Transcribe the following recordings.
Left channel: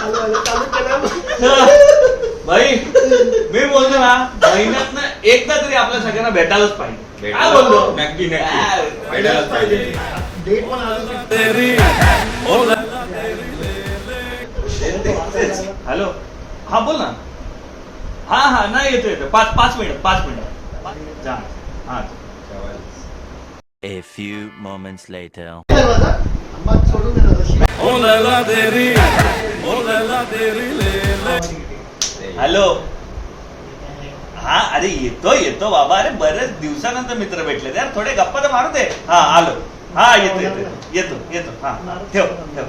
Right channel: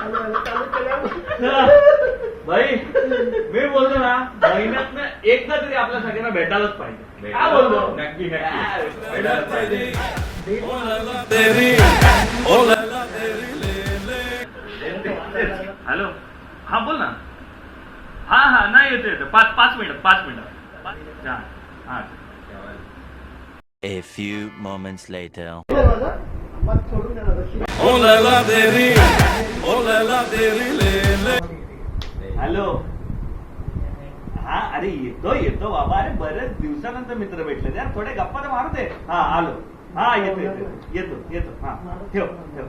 चालू भाई मी बोलतो ना महिन्यात एकदा तरी आपल्या सगळ्यांना भेटायलाच पाहिजे. काय बोललो? नक्की भेटायलाच हॅलो. हा बोल ना. हा हा नाही येतो येतो. पाच पाच मिनिट पाच मिनिट. जा. हा A ओ moments देरी काय माझा? आंबा सोडून दे ना जशी. ओ लैला तेरी ओ लैला तेरी ले ले हॅलो. हा अरे येतो येतो बाबा. अरे बरेच दिवसानंतर मित्र भेटले यार थोडे गप्पा तर मारू दे. हा आलो. हा येतो येतो येतो. येतो हा ठेव ठेव.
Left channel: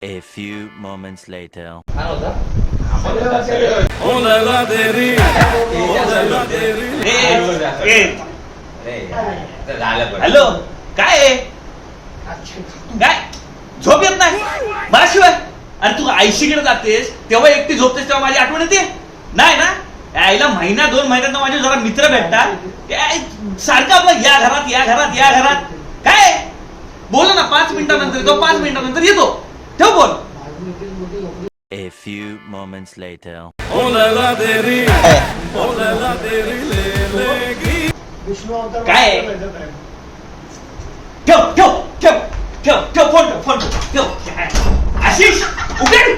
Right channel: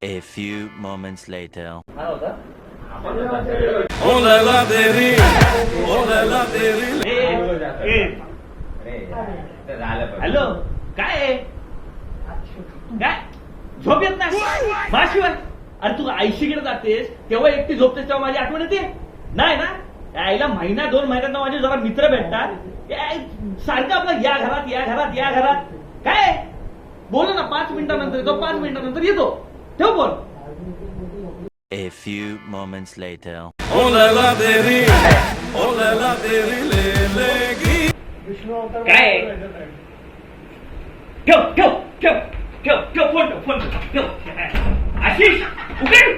A few moments later. Hello. काय? काय? झोप येत नाही. माझ्याशिवाय अरे तू आईशीकडे जातेस तेव्हा एकटी झोपतेस तेव्हा माझी आठवण येते? नाही ना? आईला महिना दोन महिन्यात माझे जरा मित्र भेटतात. काय, सारखं आपलं या घरात या घरात या घरात. काय? बोल ना पाच मिनिटानंतर येतो पाच मिनिटानंतर येतो. ठेव बोल. A few moments later. काय? ठेव ठेव ठेव ठेव ठेव फोन ठेव फोन ठेव 오케이.